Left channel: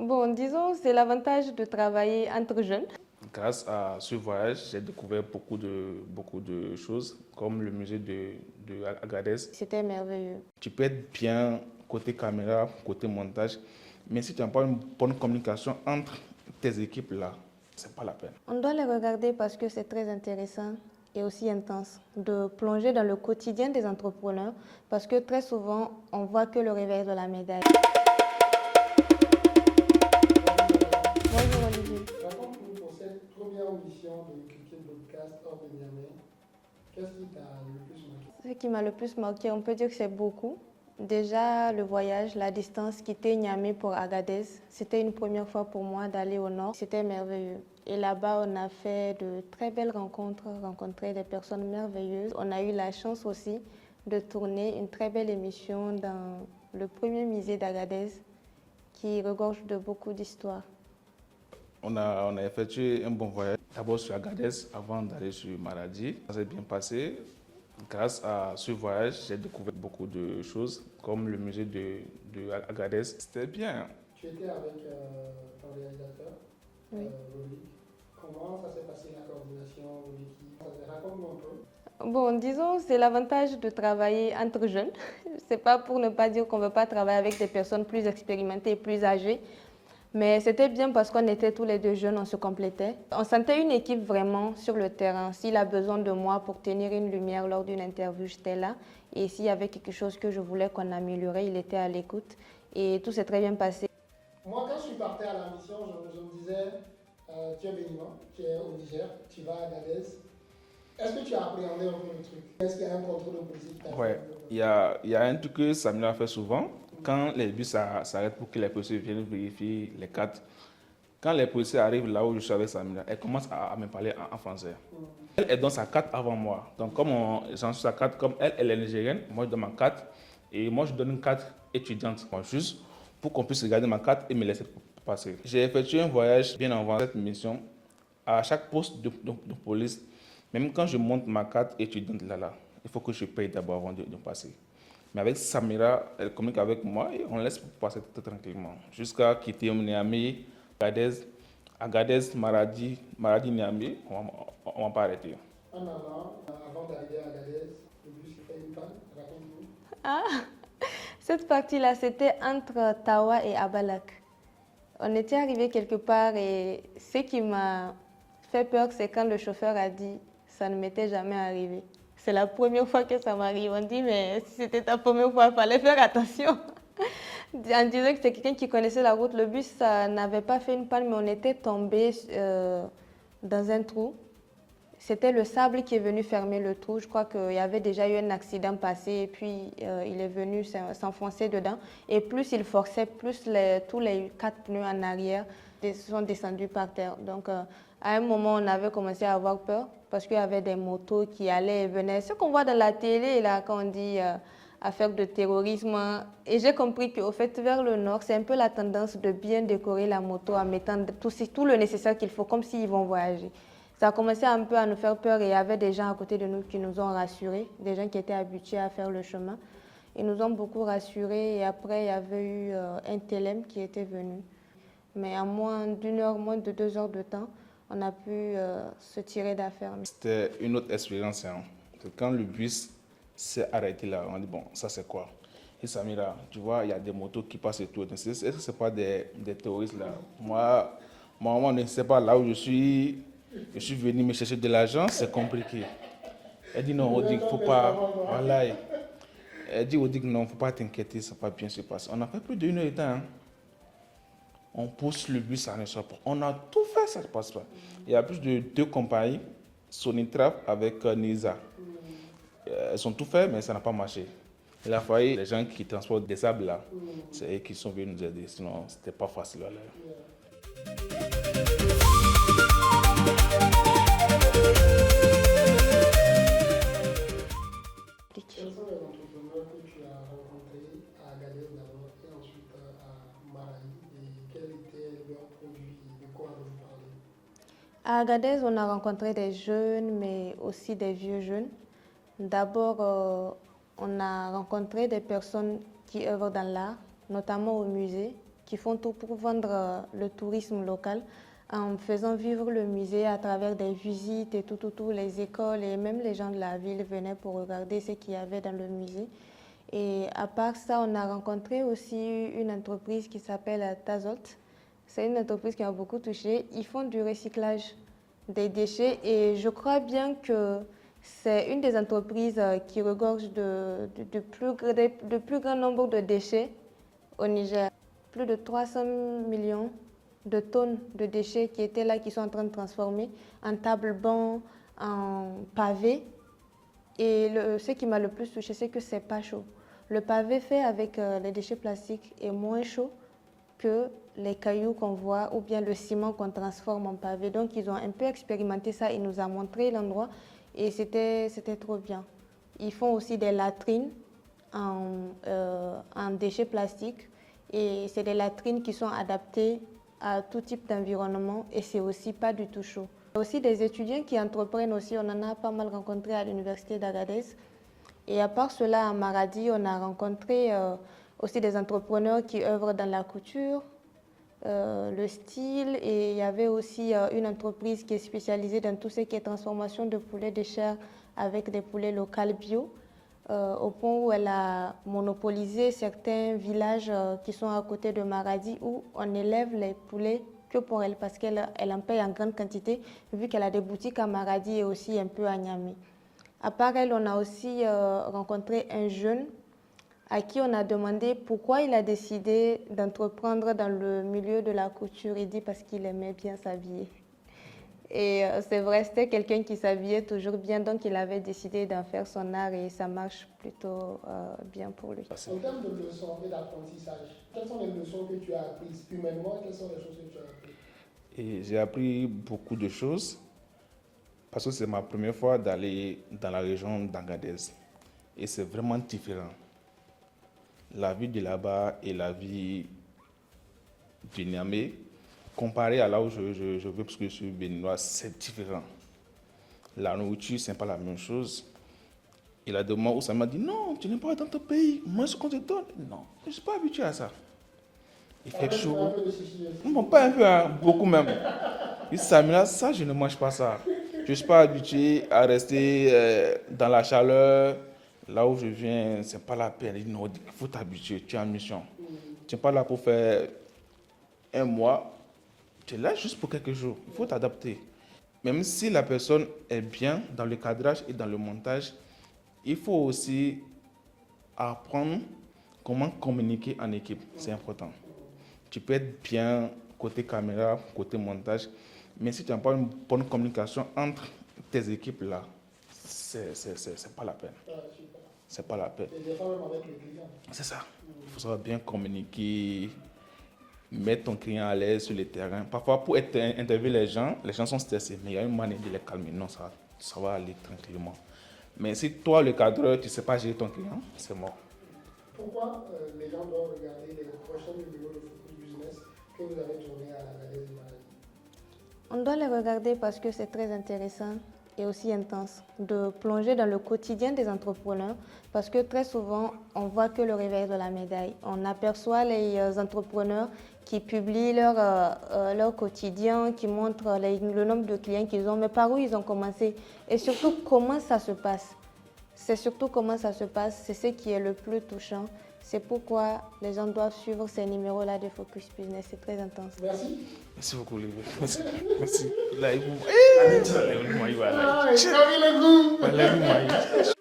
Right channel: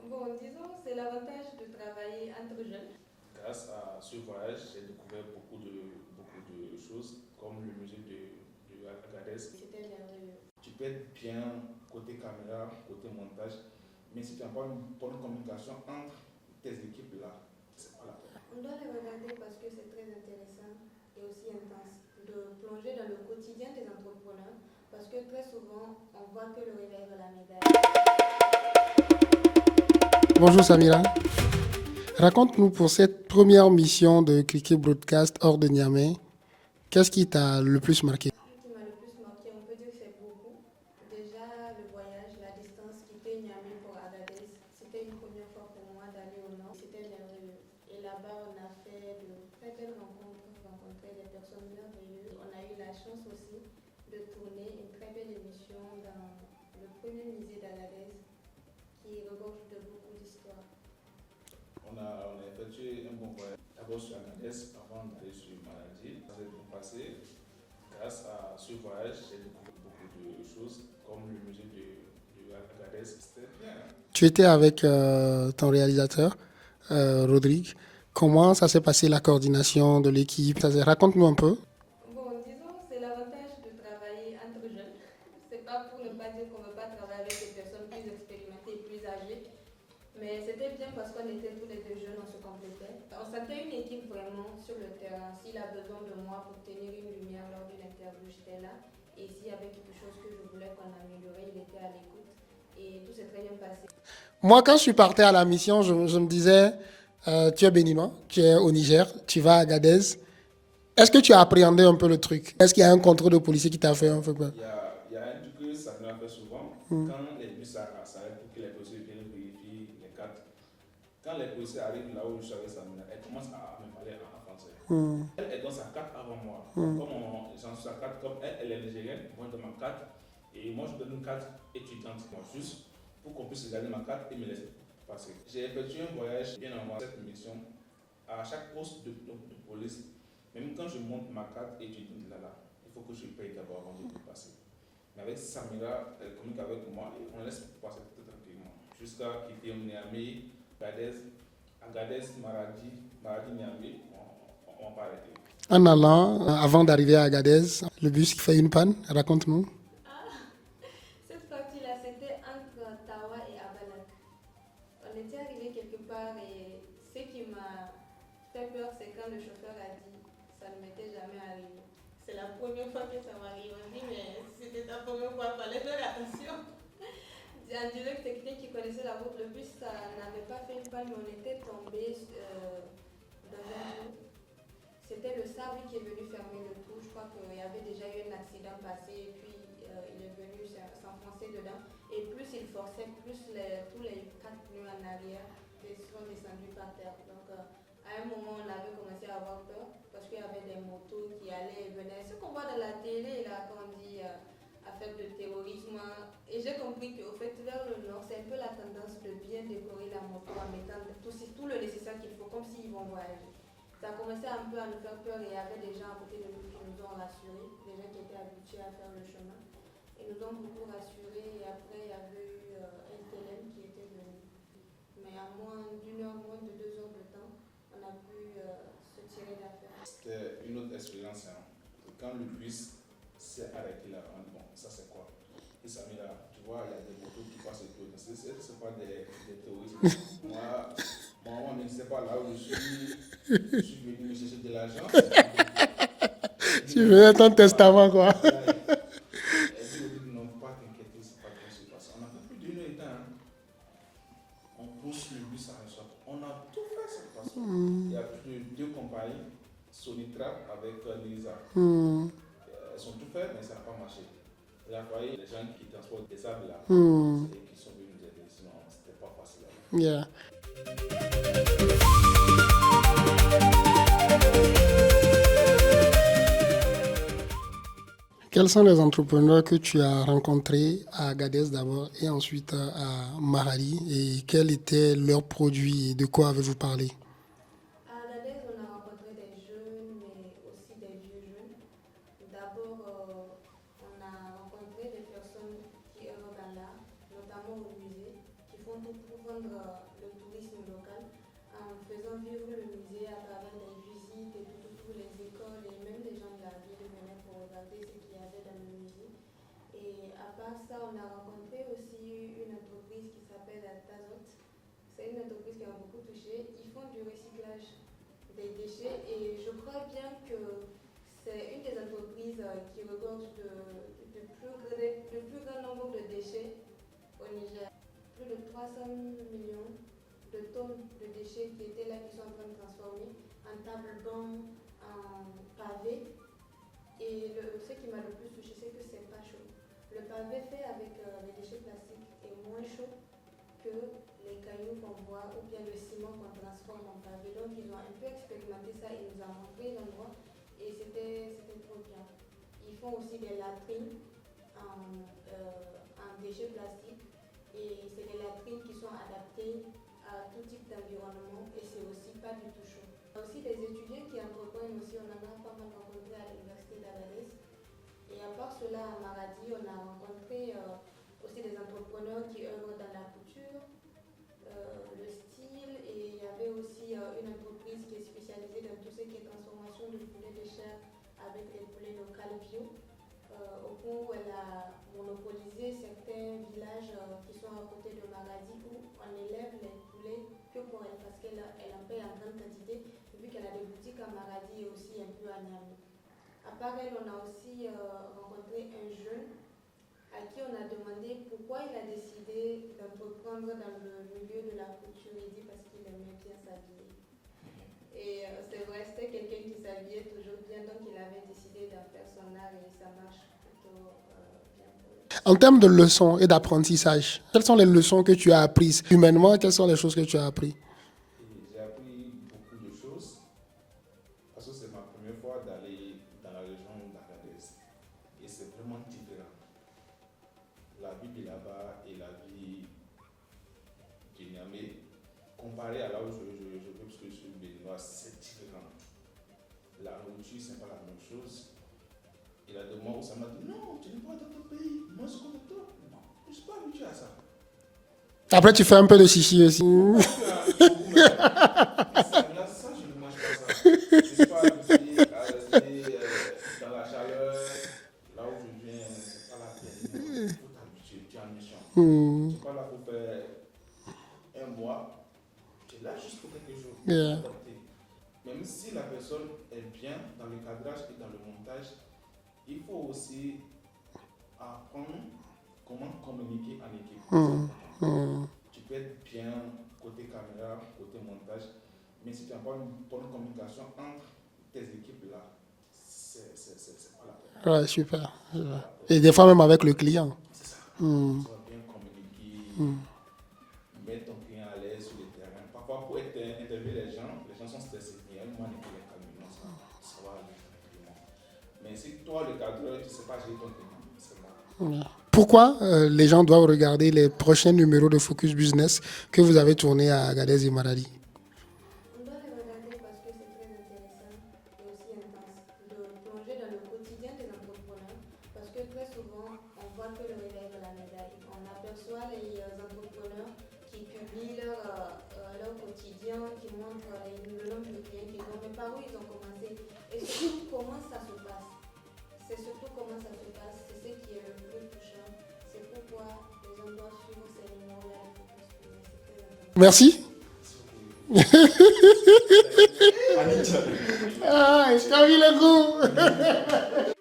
Bon, disons, c'est l'avantage de travailler entre jeunes. Grâce à ce voyage, j'ai découvert beaucoup de choses, comme le musée de Agadez. C'était merveilleux. Tu peux être bien côté caméra, côté montage, mais si tu n'as pas une bonne communication entre tes équipes là, c'est pas la peine. On doit les regarder parce que c'est très intéressant et aussi intense de plonger dans le quotidien des entrepreneurs parce que très souvent, on voit que le revers de la médaille. Bonjour Samira. Bonjour Olivier. Raconte-nous pour cette première mission de Cliquet Broadcast hors de Niamey, qu'est-ce qui t'a le plus marqué? Ce qui m'a le plus marqué, on peut dire que c'est beaucoup. Déjà, le voyage, la distance, quitter Niamey pour Agadez, c'était une première fois pour moi d'aller au nord. C'était merveilleux. Et là-bas, on a fait de très belles rencontres, rencontré des personnes merveilleuses. On a eu la chance aussi de tourner une très belle émission dans le premier musée d'Agadez qui regorge de beaucoup d'histoires. On a effectué un bon voyage, d'abord sur Agadez avant d'aller sur Maradi. Ça s'est bien passé. Grâce à ce voyage, j'ai découvert beaucoup de choses, comme le musée de Agadez. C'était bien. Tu étais avec ton réalisateur, Rodrigue. Comment ça s'est passé la coordination de l'équipe? Raconte-nous un peu. Bon, disons, c'est l'avantage de travailler entre jeunes. C'est pas pour ne pas dire qu'on ne veut pas travailler avec des personnes plus expérimentées et plus âgées. Mais c'était bien parce qu'on était tous les deux jeunes, on se complétait. On sentait une équipe vraiment sur le terrain. S'il a besoin de moi pour tenir une lumière lors d'une interview, j'étais là. Et s'il y avait quelque chose que je voulais qu'on améliorait, il était à l'écoute. Et tout s'est très bien passé. Moi, quand je suis parti à la mission, je me disais, tu es béninois, tu es au Niger, tu vas à Agadez. Est-ce que tu as appréhendé un peu le truc? Est-ce qu'il y a un contrôle de policier qui t'a fait un peu peur? Il y a un truc que Samira fait souvent. Quand les bus s'arrêtent pour que les policiers viennent vérifier les cartes, quand les policiers arrivent là où je suis avec Samira, elle commence à me parler en français. Elle donne sa carte avant moi. Donc, comme j'en suis sa carte, comme elle est nigérienne, moi je donne ma carte. Et moi je donne une carte étudiante, juste pour qu'on puisse regarder ma carte et me laisser passer. J'ai effectué un voyage bien avant cette mission. À chaque poste de police, même quand je monte ma carte étudiante là, il faut que je paye d'abord avant de passer. Mais avec Samira, elle communique avec moi et on laisse passer tout tranquillement. Jusqu'à quitter Niamey, Agadez, Maradi, Niamey, on ne va pas arrêter. En allant, avant d'arriver à Agadez, le bus qui fait une panne, raconte-nous. Ah, cette partie-là, c'était entre Tawa et Abalak. On était arrivé quelque part et ce qui m'a fait peur, c'est quand le chauffeur a dit « ça ne m'était jamais arrivé ». C'est la première fois que ça m'arrive. On dit « mais si c'était ta première fois, il fallait faire attention ». On disait que c'est quelqu'un qui connaissait la route. Le bus n'avait pas fait une panne, mais on était tombé dans un trou. C'était le sable qui est venu fermer le trou. Je crois qu'il y avait déjà eu un accident passé et puis il est venu s'enfoncer dedans. Et plus il forçait, plus tous les 4 pneus en arrière sont descendus par terre. Donc à un moment, on avait commencé à avoir peur parce qu'il y avait des motos qui allaient et venaient. Ce qu'on voit dans la télé, là, quand on dit affaire de terrorisme. Et j'ai compris qu'au fait, vers le nord, c'est un peu la tendance de bien décorer la moto en mettant tout le nécessaire qu'il faut, comme s'ils vont voyager. Ça a commencé un peu à nous faire peur et il y avait des gens à côté de nous qui nous ont rassurés, des gens qui étaient habitués à faire le chemin. Ils nous ont beaucoup rassurés et après il y avait eu un TLM qui était venu. Mais en moins d'une heure, moins de 2 heures de temps, on a pu se tirer d'affaire. C'était une autre expérience. Hein. Quand le bus s'est arrêté là, on dit bon, ça c'est quoi? Et Samira, tu vois, il y a des motos qui passent et tout. Est-ce que ce n'est pas des terroristes là? Moi, maman ne sait pas là où je suis venu me chercher de l'argent, c'est compliqué. Elle dit Tu non, veux ton testament, quoi. Voilà, elle dit au dit non, il ne faut pas t'inquiéter, ça va bien se passer. On a fait plus d'une heure de temps. Hein. On pousse le bus, ça ne sort pas. On a tout fait, ça ne passe pas. Il y a plus de 2 compagnies, Sonitrap avec Nisa. Elles ont tout fait, mais ça n'a pas marché. Il a fallu les gens qui transportent des sables là, c'est eux qui sont venus nous aider, sinon c'était pas facile. Yeah. Quels sont les entrepreneurs que tu as rencontrés à Agadez d'abord et ensuite à Maradi et quels étaient leurs produits et de quoi avez-vous parlé? À Agadez, on a rencontré des jeunes, mais aussi des vieux jeunes. D'abord, on a rencontré des personnes qui œuvrent dans l'art, notamment au musée, qui font tout pour vendre le tourisme local en faisant vivre le musée à travers des visites et tout, les écoles et même les gens de la ville venaient pour regarder ce qu'il y avait dans le musée. Et à part ça, on a rencontré aussi une entreprise qui s'appelle Tazot. C'est une entreprise qui m'a beaucoup touchée. Ils font du recyclage des déchets et je crois bien que c'est une des entreprises qui regorge de plus grand nombre de déchets au Niger. Plus de 300 millions de tonnes de déchets qui étaient là, qui sont en train de transformer en table-banc, en pavé. Et ce qui m'a le plus touché, c'est que c'est pas chaud. Le pavé fait avec les déchets plastiques est moins chaud que les cailloux qu'on voit ou bien le ciment qu'on transforme en pavé. Donc ils ont un peu expérimenté ça, ils nous ont montré l'endroit et c'était trop bien. Ils font aussi des latrines en déchets plastiques et c'est des latrines qui sont adaptées à tout type d'environnement et c'est aussi pas du tout chaud. Il y a aussi des étudiants qui entreprennent aussi, on en a pas mal rencontré à l'université d'Agadez. Et à part cela, à Maradi, on a rencontré aussi des entrepreneurs qui œuvrent dans la couture, le style, et il y avait aussi une entreprise qui est spécialisée dans tout ce qui est transformation de poulets de chair avec des poulets locaux bio, au point où elle a monopolisé certains villages qui sont à côté de Maradi où on élève les poulets que pour elle parce qu'elle en paye en grande quantité vu qu'elle a des boutiques à Maradi et aussi un peu à Niamey. À part elle, on a aussi rencontré un jeune à qui on a demandé pourquoi il a décidé d'entreprendre dans le milieu de la couture. Il dit parce qu'il aimait bien s'habiller. Et c'est vrai, c'était quelqu'un qui s'habillait toujours bien, donc il avait décidé d'en faire son art et ça marche plutôt bien pour lui. En termes de leçons et d'apprentissage, quelles sont les leçons que tu as apprises humainement? Quelles sont les choses que tu as apprises? J'ai appris beaucoup de choses parce que c'est ma première fois d'aller dans la région d'Agadez et c'est vraiment différent. La vie de là-bas et la vie du Niamey, comparé à là où je veux, parce que je suis béninois, c'est différent. La nourriture, ce n'est pas la même chose. Et là, de moi, où ça m'a dit, non, tu n'es pas dans ton pays, moi, ce qu'on te donne, non, je ne suis pas habitué à ça. Après, tu fais un peu de chichi aussi. Non, pas un peu, hein, beaucoup même. Samina, ça, je ne mange pas ça. Je ne suis pas habitué à rester dans la chaleur. Là où je viens, ce n'est pas la peine. Il faut t'habituer, tu es en mission. Tu n'es pas là pour faire un mois. Tu es là juste pour quelques jours. Il faut t'adapter. Même si la personne est bien dans le cadrage et dans le montage, il faut aussi apprendre comment communiquer en équipe. C'est important. Tu peux être bien côté caméra, côté montage, mais si tu n'as pas une bonne communication entre tes équipes là, c'est pas la peine. Ouais, super. C'est pas la peine. Et des fois même avec le client. C'est ça. Il faut bien communiquer, mettre ton client à l'aise sur le terrain. Parfois, pour interviewer les gens sont stressés, mais il y a une manière de les calmer. Non, ça va aller tranquillement. Mais si toi, le cadreur, tu ne sais pas gérer ton client, c'est mort. Pourquoi les gens doivent regarder les prochains numéros de Focus Business que vous avez tournés à Agadez et Maradi? On doit les regarder parce que c'est très intéressant et aussi intense de plonger dans le quotidien des entrepreneurs parce que très souvent, on voit que le revers de la médaille. On aperçoit les entrepreneurs qui publient leur quotidien, qui montrent le nombre de clients qu'ils ont, mais par où ils ont commencé et surtout comment ça se passe. C'est surtout comment ça se passe, c'est ce qui est le plus touchant. C'est pourquoi les gens doivent suivre ces numéros-là de Focus Business, c'est très intense. Merci. Merci beaucoup, Olivier. Ah, j'ai envie le goût.